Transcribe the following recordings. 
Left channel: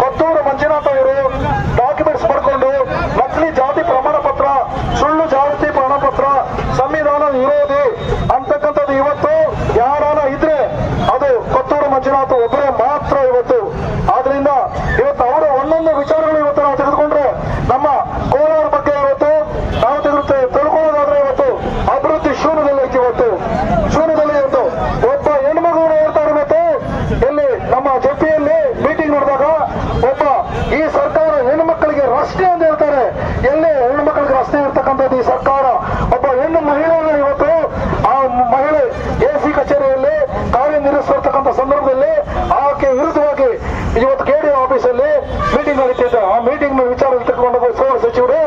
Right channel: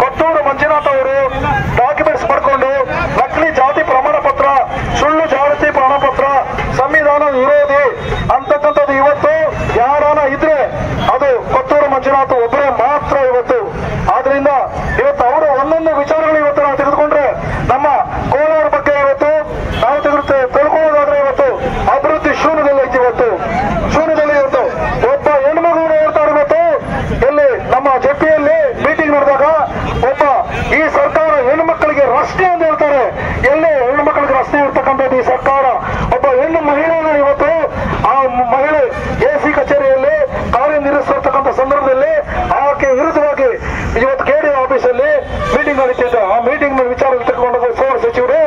ಕೊತ್ತೂರು ಮಂಜುನಾಥ್ ಅವರು ಡಾಕ್ಯುಮೆಂಟ್ಸ್ ಪಡ್ಕೊಂಡು ನಕಲಿ ಜಾತಿ ಪ್ರಮಾಣ ಪತ್ರ, ಸುಳ್ಳು ಜಾತಿ ಪ್ರಮಾಣ ಪತ್ರ, ಸಂವಿಧಾನ ವಿರೋಧಿ ಅಂತಕ್ಕಂಥದ್ದು ಇವತ್ತು ಯಾರಾನ ಇದ್ರೆ ಅದು ಕೊತ್ತೂರು ಮಂಜುನಾಥ್ ಒಬ್ಬರೇ ಮಾತ್ರ ಇವತ್ತು. ಆದ್ರಿಂದ ಇವತ್ತು ಅವರು ಒಂದೊಂದು ವಿಚಾರಗಳು ಇವತ್ತು ನಾವು ತೆಗೆದುಕೊಂಡ್ರೆ ನಮ್ಮ ಕೋಲಾರ ಬಗ್ಗೆ ಇವತ್ತು ನಾವು ತಿಳ್ಕೊಳ್ಳೋದಾದ್ರೆ ಇವತ್ತು ಅಭಿವೃದ್ಧಿ ಶೂನ್ಯದಲ್ಲಿ ಇವತ್ತು ಒಬ್ಬ ಹೆಣ್ಮಗಳು ನೋಡ್ತಾರೆ. ಇವತ್ತು ಎಲ್ಲಿ ನಮ್ಮ ಜೆಪಿಯಲ್ಲಿ ಮೀಟಿಂಗ್ ನಡೆದಾಗ ಒಬ್ಬ ಈ ಸರ್ಕಾರ ಹೆಣ್ಣುಮಕ್ಕಳಿಗೆ ರಸ್ತೆ ಅಂತ ಹೇಳ್ತಾರೆ. ಎಲ್ಲಿ ಹೆಣ್ಣುಮಕ್ಕಳಿಗೆ ರಸ್ತೆ ಇರ್ತಕ್ಕಂಥದ್ದು ಈ ಸರ್ಕಾರ. ಒಬ್ಬ ಹೆಣ್ಣು ಮಹಿಳೆಯನ್ನ ಇವತ್ತು ಆ ಮಹಿಳೆ ಎಸಿ ಕಚೇರಿಯಲ್ಲಿ ಕಾರ್ಯನಿರ್ವಹಿಸಿರ್ತಕ್ಕಂಥ ಸಂದರ್ಭದಲ್ಲಿ ಆಕೆ ವಿರುದ್ಧವಾಗಿ ಇವತ್ತು ಕೆಡಿಒ ಆಫೀಸಲ್ಲಿ ಮೀಟಿಂಗ್ ನಡೀತಿದ್ದ. ಆ ಮೀಟಿಂಗ್ ವಿಚಾರ ತೆಗೆದುಕೊಂಡ ಸಚಿವರು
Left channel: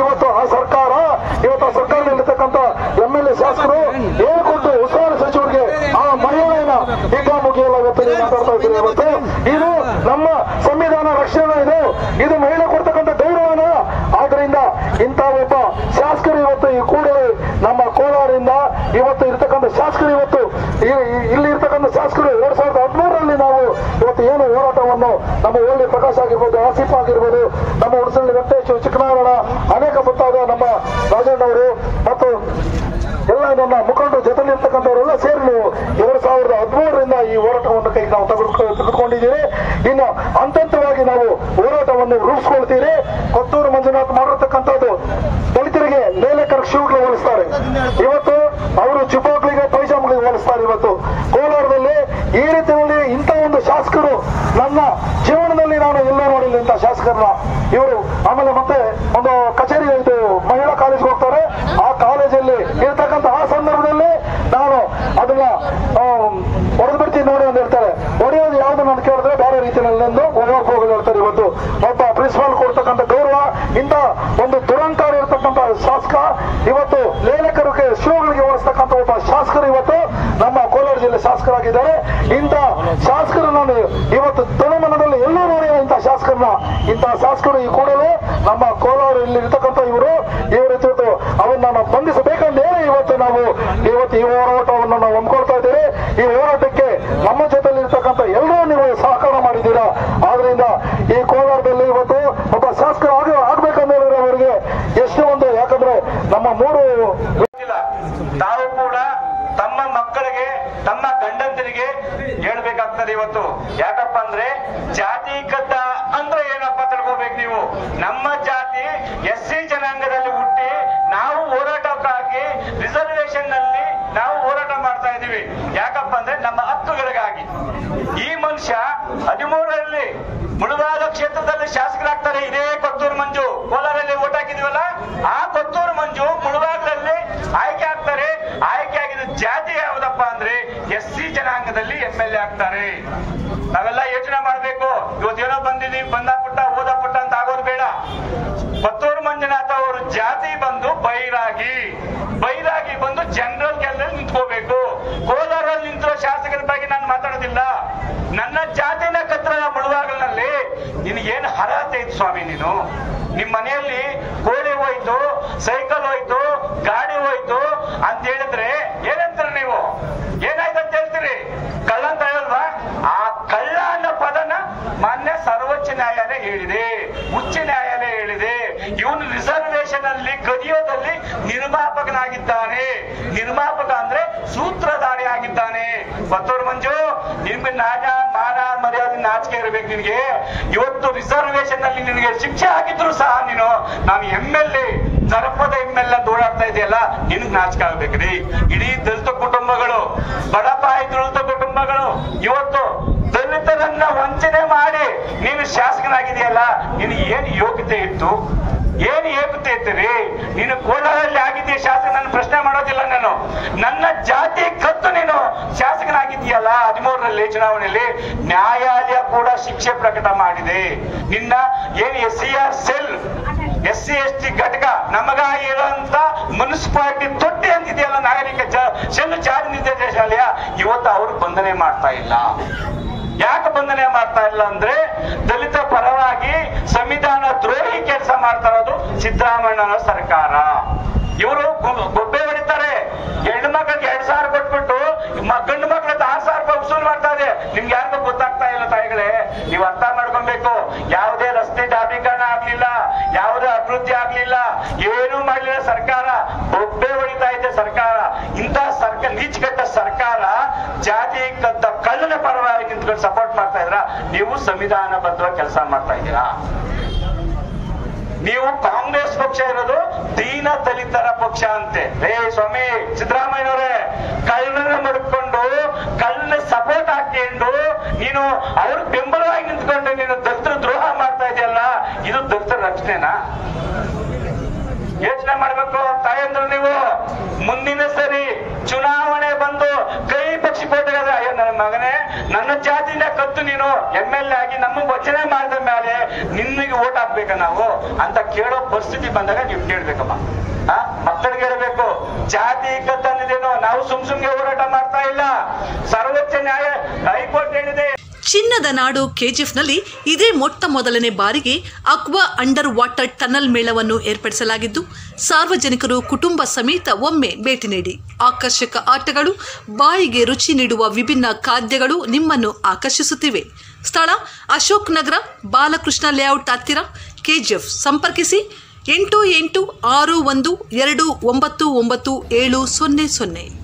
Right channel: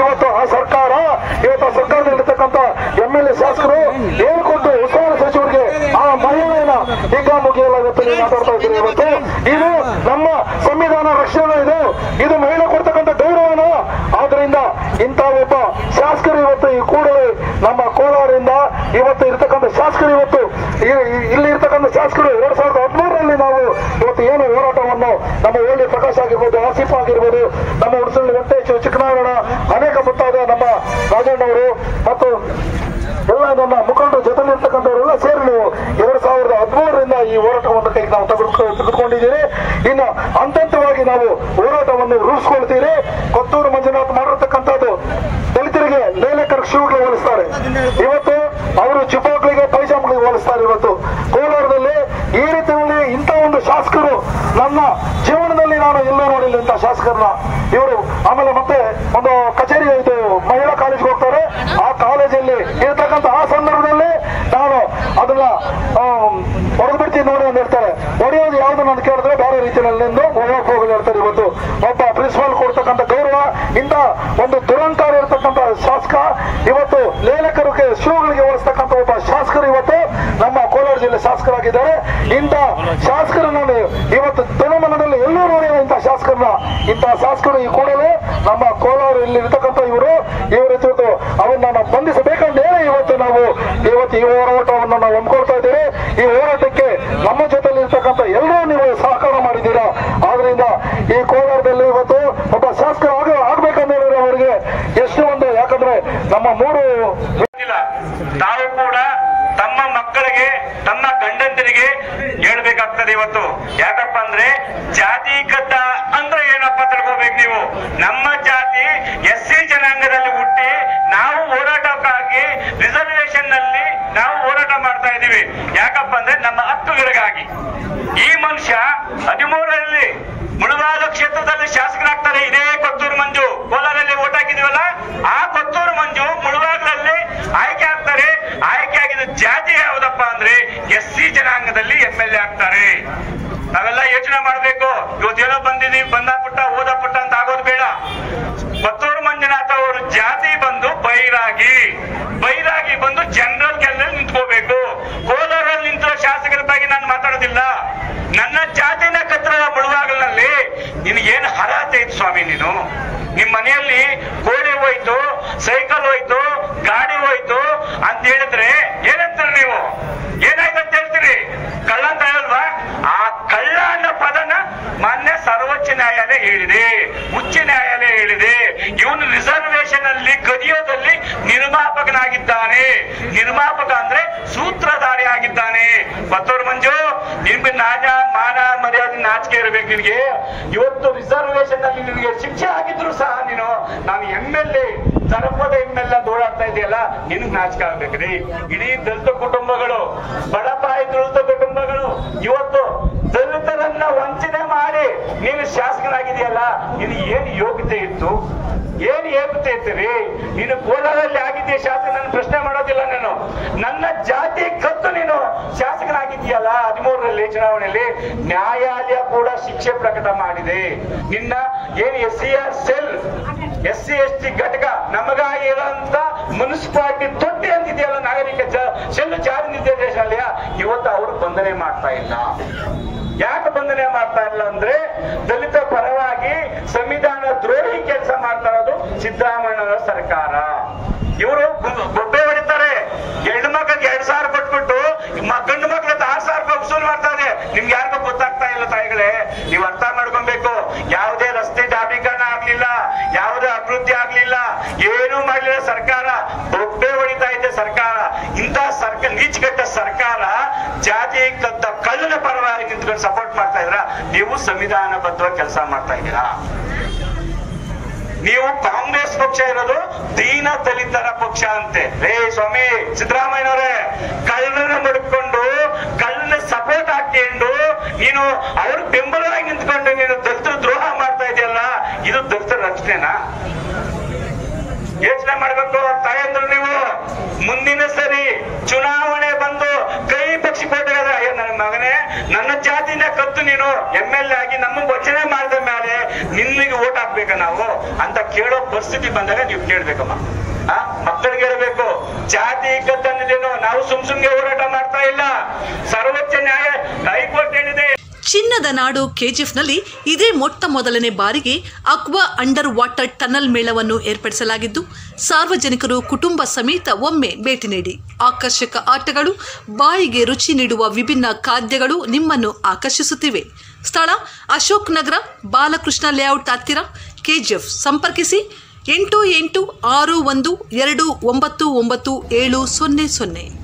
ಇವತ್ತು ಆ ಸರ್ಕಾರದಲ್ಲಿರ್ತಕ್ಕಂಥ MLA ಶಾಸಕರು ಹೇಳ್ಕೊಟ್ಟು ಉಸ್ತುವಾರಿ ಸಚಿವರಿಗೆ ಆ ಮಹಿಳೆಯನ್ನ ಹಿಗ್ಗಾಮುಗ್ಗಿಯಲ್ಲ ಇವತ್ತು ನೀವು ಮಾತಾಡ್ತಾ ಇದ್ದೀರಿ. ಇವತ್ತು ಇದು ನಮ್ಮ ಸಂವಿಧಾನ ರಕ್ಷಣೆ ಇದು ಮಹಿಳೆ ಕೊಡ್ತಕ್ಕಂಥ ಗೌರವನ. ಆದ್ರಿಂದ ಇಂಥ ಒಬ್ಬ ಶಾಸಕರು ಇವತ್ತು ಈ ಕೂಡಲೇ ನಮ್ಮ ಕೋಲಾರದಿಂದ ಇವತ್ತು ಇರ್ತಕ್ಕಂಥ ಶಾಸಕರು ಇಲ್ಲಿ ಇರ್ತಕ್ಕಂಥ ಶಾಸಕರು 2013ರಲ್ಲಿ ನಾವು ಇವತ್ತು ಏನು ಹೋರಾಟವನ್ನು ನಮ್ಮ ಓಳಿ ಪ್ರಕಾಶ್ ಆಗಿರ್ಬೋದು, ಆಸಿಫ್ ಆಗಿರ್ಬೋದು, ನಮ್ಮ ಉಡುಸಳ್ಳಿ ವೆಂಕಟೇಶ್, ಚಿಕ್ಕನಾರಾಯಣ, ಅನೇಕ ಮುಂತಾದ ನಮ್ಮ ರಾಜಣ್ಣವರು ಮತ್ತು ಎಲ್ಲ ನನ್ನ ಮುಖಂಡರ ಜೊತೆಲಿರ್ತಕ್ಕಂಥವರೆಲ್ಲ ಸೇರಿ ನೀವು 2013ರಿಂದ ಈ ಹೋರಾಟವನ್ನು ಕೈಗೆ ನಾವು ತೆಗೆದುಕೊಂಡಿದ್ದೀರಿ. ಇನ್ನು ಹಂತವಾಗಿ ನಾವು ಹೋರಾಟವನ್ನು ರೂಪಿಸ್ಕೊಳ್ತೀರಿ. ಕೊತ್ತೂರು ಮಂಜುನಾಥ್ ಮಾಡಿರ್ತಕ್ಕಂಥದ್ದು ದಲಿತರಿಗೆ ಲೇಖಕರ ಶೂಗೆ ಹೋಲಿಸ್ತಾರೆ. ಇವತ್ತು ಅವರು ಚುಪಾಕ್ಲಿಗೆ ಪೈಜಾಮ್ಗಳಿಗೆ ಹೋಲಿಸ್ತಾರೆ. ಇವತ್ತು ಕೋಲಾರದಲ್ಲಿ ಈ ರೀತಿಯಲ್ಲಿ ಇಂಥ ಒಂದು ಶಾಸಕರು ನನ್ನ ಜೀವನದಲ್ಲಿ ನಾನು ಎಲ್ಲೂ ನೋಡಿಲ್ಲ ಇಂಥ ಶಾಸಕರನ್ನ. ಇವರು ಆಮೇಲೆ ಮತ್ತೆ ಒಂದು ಕಚೇರಿ ಇದು ಮಹಿಳಾ ಕಾಲೇಜ್ಗೆ ಹೋಗ್ತಾರೆ. ಆ ಕಾಲೇಜಲ್ಲಿ ಇರ್ತಕ್ಕಂಥ ಆ ಸಂದರ್ಭದಲ್ಲಿ ನಾನು ಅದನ್ನ ಹೊಡೆದು ಬಿಡ್ತೀನಿ ನೋಡಿ ಅಂತ ಹೇಳ್ತಾರೆ. ಹೊಡೆಯೋದು ಯಾವ್ದು ನಾನು ಕೇಳಿದ್ರೆ ಬೇರೆ ರೀತಿಯಲ್ಲಿ ಹೋಗೋದು ಹೇಳ್ತಾರೆ. ಇವತ್ತು ಒಬ್ಬ ಪ್ರಿನ್ಸಿಪಾಲ್ ಕೊಡ್ತಕ್ಕಂಥ ಗೌರವ ಇಂಥ ಒಂದು ದುರಂಕಾರ ಇರತಕ್ಕಂಥ ಶಾಸಕ ಇವತ್ತು ಲೇಖಕರಿಗೆ ಶೂಗಳಿಗೆ ಹೋಲಿಸ್ತಕ್ಕಂಥ ಒಬ್ಬ ಶಾಸಕರು ಇವತ್ತು ನಮ್ಮ ಕೋಲಾರ ಜಿಲ್ಲೆ ಶಾಸಕರಾಗಿದ್ದಾರೆ. ಇಂಥ ಶಾಸಕರು ನಾನು ಇವತ್ತು ಜನಮನದಲ್ಲಿ ಎಲ್ಲೂ ನೋಡಿಲ್ಲ. ಇಂಥ ಶಾಸಕರು ಈ ಕೂಡಲೇ ನಮ್ಮ ಕೋಲಾರ ಇಲ್ಲಿ ಇರ್ತಕ್ಕಂಥ ಇವರು ಅವನ್ನ ನಾವು ಬಂಧಿಸಬೇಕಂದ್ರೆ ಇವತ್ತು ಈ ಹೋರಾಟವನ್ನು ನಾವು ಹಮ್ಮಿಕೊಳ್ತಾ ಇದ್ದೀವಿ. ಈ ಹೋರಾಟಕ್ಕೆ ನಮ್ಮ ಜೊತೆಲಿ ಇರ್ತಕ್ಕಂಥ ಎಲ್ಲರೂ ನೀವು ಸಹಕಾರ ಮಾಡಿದ್ದೀರಾ. ಆದ್ರಿಂದ ಈ ಕೋಲಾರದಲ್ಲಿ ಇವತ್ತು ಒಬ್ಬ ಶಾಸಕರು ಆಗ್ಬೇಕಂದ್ರೆ ಅವರಿಗೆ ಎಷ್ಟು ಒಂದು, ಯಾಕಂದ್ರೆ ನಮ್ಮ ತಾವು ಕೂಡ ತಮ್ಮ ಮಕ್ಕಳಿಗೆ ತಮ್ಮ ಗಂಡಂದರಿಗೆ ಹೇಳ್ಬೇಕಾಗ್ತದೆ ಇವತ್ತು. ಯಾಕಪ್ಪ ಅಂದ್ರೆ ಜಾತಿ ಕದ್ದ ಅಂದ್ರೆ ಏನಪ್ಪ ತಿಳ್ಕೋಬೇಕು ನೀವು. ನಮ್ಮ ಜಾತಿ SC ಜನಾಂಗದಲ್ಲಿ ಹುಟ್ಟಿ ನಾವು ಹೋರಾಟಕ್ಕಾಗಿ ರಿಸರ್ವೇಶನ್ ನಲ್ಲಿ ನಾವು ಹೋರಾಟ ಮಾಡ್ತಾ ಇದೀವಿ. ಯಾಕಪ್ಪ ಅಂದ್ರೆ ನಮ್ಮ ಹಕ್ಕುಗಳಿಗಾಗಿ. ಈ ಮನುಷ್ಯ 13ರಲ್ಲಿ ಮುಳಬಾಗ ಕ್ಷೇತ್ರದಲ್ಲಿ ಶಾಸಕರಾಗ್ತಾರೆ. ಇದೇ ಕೊತ್ತೂರು ಮಂಜು ಕೋಲಾರಲ್ಲಿ ಓಟ್ ಹಾಕಿದೀವಲ್ಲ, ಆ ಕೊತ್ತೂರು ಮಂಜು ಮುಳಬಾಗದಲ್ಲಿ ಆಯ್ಕೆ ಆಗ್ತಾರೆ. ಆಯ್ಕೆ ಆಗಿದ ಜಾತಿ ಯಾವ್ದಪ್ಪ ಅಂದ್ರೆ SC ಜನಾಂಗದಲ್ಲಿ MLA ಆಗ್ತಾರೆ. ನಾವೆಲ್ಲ ಯೋಚನೆ ಮಾಡ್ಬೇಕು. ಇವತ್ತೇನೋ ಬಂದಿದೀವಿ, ಬಂದಾಪುಟ್ಟ ಓದಪುಟ್ಟ ಅಂತ ಆಗೋದು ಬೇಡ. ಕೊತ್ತೂರು ಮಂಜುನಾಥ್ ಅವರು ಜಾತಿ ಬಂದು ಬೈರಾಗಿ ಬಂದು ಜನರಲ್ ಕೆಲಸದಲ್ಲಿ ನಿಂತ್ಕೋಬೇಕು. ಕೋಲಾರಲ್ಲಿ ನಿಂತಿರೋ ಶಾಸಕರ ಬಗ್ಗೆ ನಾನು ಮಾತಾಡೋದಿಲ್ಲ. ನನ್ನ ಜಾತಿನ ಕತ್ರ ಮುಳುವಾಗಲಿನಲ್ಲಿ ನಿನಗೇನು ಅರ್ಹತೆ ಇತ್ತು ಸ್ವಾಮಿ? ನೀನು ನಿಮ್ ಮನೆಯಲ್ಲಿ ಕೋಳಿ ಹೋಯ್ತು, ಸೈಕಲ್ ಹೋಯ್ತು, ಗಾಡಿ ಹೋಯ್ತು ಅಂತ ಹೇಳಿದ್ರೆ ಏನಂತಾರೆ ನೀವು? ಏನಾಯ್ತಂತ ಹೇಳ್ತೀರಿ? ಕಳ್ಳ ಅಂತ ಹೇಳಲ್ವಾ? ಆ ಕಳ್ಳ ಅನ್ನೋ ಪದನ ಮಾನ್ಯ ಸರ್ವೋಚ್ಚ ನ್ಯಾಯಾಲಯ ಹೇಳಿದೆ, ಉಚ್ಚ ನ್ಯಾಯಾಲಯ ಹೇಳಿದೆ. ಇವನು ರಿಸರ್ವೇಶನ್ ಅಲ್ಲಿ ಕದಿಯೋದಲ್ಲಿ ನಿರ್ಮಾಪಕನಾಗಿದ್ದಾನೆ. ನಿರ್ಮಾಪಕ ಅಂದ್ರೆ ಸೂತ್ರಧಾರಿ ಆಗಿದ್ದಾನೆ. ಕೊತ್ತೂರು ಮಂಜು, ನಿಮ್ಗೆ ಮಾನ ಮರ್ಯಾದೆ ನಾಚಿಕೆ ಇರಬೇಕು ನಿನಗೆ. ಇವತ್ತು ರಿಸರ್ವೇಶನ್ ಅಲ್ಲಿ ನಿನಗೆ ಶಿಕ್ಷೆ ಆಗಿದ್ರು ಸಹ ನಾನು MLA ದರ್ಪದ ಎಮ್ಮೆಲ್ಲ ದೂರಾಡ್ತಾ ಇದೆಯಲ್ಲ, ನಿನ್ಗೆ ನಾಚಿಕೆ ಆಗ್ಬೇಕ್ರಿ. ಇಡೀ ದಲಿತ ಕುಟುಂಬಗಳು, ಬಡಪಾಯಿ ದಲಿತ ಕುಟುಂಬಗಳು ಇವತ್ತು ದಲಿತರನ್ನ ವಂಚನೆ ಮಾಡಿ ನೀನು ಶಾಸಕನಾಗಿದೆಯಲ್ಲ, ನಿನ್ ಏನ್ ಯೋಗ್ಯತೆ ಇತ್ತು? ಏನ್ ಯೋಗ್ಯತೆ ಇತ್ತು? ನೀನು ಕೋಲಾರಲ್ಲಿ ಆಗಿದ್ದೀಯ ಶಾಸಕ, ನಾನು ಪ್ರಶ್ನೆ ಮಾಡೋದಿಲ್ಲ. ನಾನು ನನ್ನ ಜಾತಿ ಕತ್ತು ನೀನು ಶಾಸಕನಾಗಿದ್ದೀಯಲ್ಲ 13ರಲ್ಲಿ ಚುನಾವಣೆಯಲ್ಲಿ, ನ್ಯಾಯಾಲಯ ಕೂಡ ಶಿಕ್ಷೆ ಪ್ರಕಟ ಮಾಡಿದೆ. ನಿನ್ನ ಏನ್ SCR ಸೆಲ್, SC/ST ಘಟಕ ನಮಗ ಇರೋಂತ ಮುನ್ಸಿಪಾಲಿಟಿ ತೊಟ್ಟಿ ಅಂತಿದೆಯಲ್ಲ, ನಾಗರಿಕ ಸೆಲ್ ಜಾರಿ ನಿರ್ದೇಶನಾಲಯ, ಇವತ್ತು ಅವ್ರಿಗೆ ಬಂಧನೆ ಮಾಡ್ತಾ ಇಲ್ಲ. ಯಾಕೆ ಬಂಧನೆ ಮಾಡ್ತಾ ಇಲ್ಲ ಅಂದ್ರೆ ದಲಿತ ಪರವಾಗಿ ಸಂವಿಧಾನ ದ್ರೋಹಿ ಕೆಲಸ ಮಾಡ್ತಾ ಇರೋದು ಸಿದ್ದರಾಮಯ್ಯನ ಸರ್ಕಾರ. ಇವರು ಗೊಬ್ಬೆ ಹೊಡಿತಾರೆ. ಹೆಣ್ಣು ಮಕ್ಕಳಿಗೆ 2,000 ಕೊಟ್ಬಿಟ್ಟು ಗಂಡು ಮಕ್ಕಳಿಗೆ 6,000 ರೂಪಾಯಿ ವಸೂಲ್ ಮಾಡ್ತಾ ಇದೆ. ನಿಮ್ಗೆ ಯಾರಿಗೂ ಗೊತ್ತಾಗ್ತಾ ಇಲ್ಲ ತಾಯಿಗಳೇ, ನೀವು ಅರ್ಥ ಮಾಡ್ಕೊಬೇಕು. ಯಾವುದೇ ರಸ್ತೆ ಡಾಂಬರೀಕರಣ ಆಗ್ಲಿಲ್ಲ, ಯಾವುದೇ ಅಭಿವೃದ್ಧಿ ಆಗ್ಲಿಲ್ಲ, ಏನು ಮಾಡಲಿಲ್ಲ ಸರ್ಕಾರ. ಗೊಬ್ಬೆ ಹೊಡಿತಾ ಇದೆ ಸರ್ಕಾರ. ಇಂತಹ ಸರ್ಕಾರ, ನೀಚಗಟ್ಟ ಸರ್ಕಾರ ಜಾತಿ ಕದ್ದ ಕಳ್ಳನ ಪರವಾಗಿ ನಿಂತ್ಕೊಂಡು ಸಪೋರ್ಟ್ ಮಾಡ್ತಾ ಇದ್ರ. ನೀವು ಸಂವಿಧಾನಬದ್ಧವಾಗಿ ಕೆಲಸ ಮಾಡ್ತಾ ಇದ್ದೀರಾ. ನೀವು ಕಾಂಗ್ರೆಸ್ ಪಕ್ಷ ಇರೋದು ದೀನ ದಲಿತರ ಪಕ್ಷ ಅಂತೆ. ಸ್ವಾಮಿ ಸಿದ್ದರಾಮಯ್ಯನವರೇ, ಕಳ್ಳನ ಮಡ್ಕೊಂಡು ಕಳ್ಳನ ಸಪೋರ್ಟ್ ಹಾಕೊಂಡು ನೀನು ಅವ್ರಿಗೆ ಬೆಂಬಲವಾಗಿ ನಿಂತ್ಕೊಂಡು ನೀನು ದಲಿತರ ದ್ರೋಹ ಮಾಡ್ತಾ ಇದೆಯಲ್ಲ, ಇದು ದಲಿತರ ರಕ್ಷಣೆನಾ? ಯೋಚನೆ ಮಾಡ್ಬೇಕು ತಾಯಂದ್ರು. ನೀವು ಮುಂದಿನ ಸರಿ ಚುನಾವಣೆ ಬಂದು ಕೈ ಪಕ್ಷಿ ಕೊಟ್ಟಿರೋದ, ನನ್ನ ಮಗನೇ ನನ್ನ ಜಾತಿನ ಕತ್ತು ನೀನು MLA ಆಗಿ ನಮಗೆ ವಚನೆ ಮಾಡಿದ ಮೇಲೆ ನಿನ್ನಿಗೆ ಓಟ್ ಹಾಕ್ಬೇಕ ನಾವು ಅಂತ ಕೇಳೋ ಪರಿಸ್ಥಿತಿ ಬಂದಾಗ ನೀವು ಕೇಳ್ಬೇಕಮ್ಮ. ಮಕ್ಕಳಿಗೆ ಹೇಳ್ಬೇಕು, ಜಾತಿ ಕತ್ತನ್ನಿದೇನೋ ನಾವು ಸುಮ್ನೆ ಹೋರಾಟ ಮಾಡ್ತಾ ಇಲ್ಲ. ಸರ್ವೋಚ್ಚ ನ್ಯಾಯ ಹೈಕೋರ್ಟ್ ಹೇಳಿದೆ. ಚಿನ್ನದ ನಾಡು ಕೆಜಿಎಫ್ನಲ್ಲಿ ಇದೇ ಮೊಟ್ಟ ಮೊದಲನೇ ಬಾರಿಗೆ ಅಕ್ವಾ ಅಂಡರ್ ವಾಟರ್ ಟನಲ್ ಮೇಳವನ್ನು ಏರ್ಪಡಿಸಲಾಗಿದ್ದು, ಸಾರ್ವಜನಿಕರು ಕುಟುಂಬ ಸಮೇತ ಒಮ್ಮೆ ಭೇಟಿ ನೀಡಿ. ಆಕರ್ಷಕ ಆಟಗಳು, ಬಾಯಿಗೆ ರುಚಿ ನೀಡುವ ವಿಭಿನ್ನ ಖಾದ್ಯಗಳು ನಿಮ್ಮನ್ನು ಆಕರ್ಷಿಸುತ್ತಿವೆ. ಸ್ಥಳ ಅಶೋಕ್ ನಗರ, ಬಾಲಕೃಷ್ಣ ಲೇಔಟ್ ಹತ್ತಿರ, ಕೆಜಿಎಫ್. ಸಂಪರ್ಕಿಸಿ 8861299700.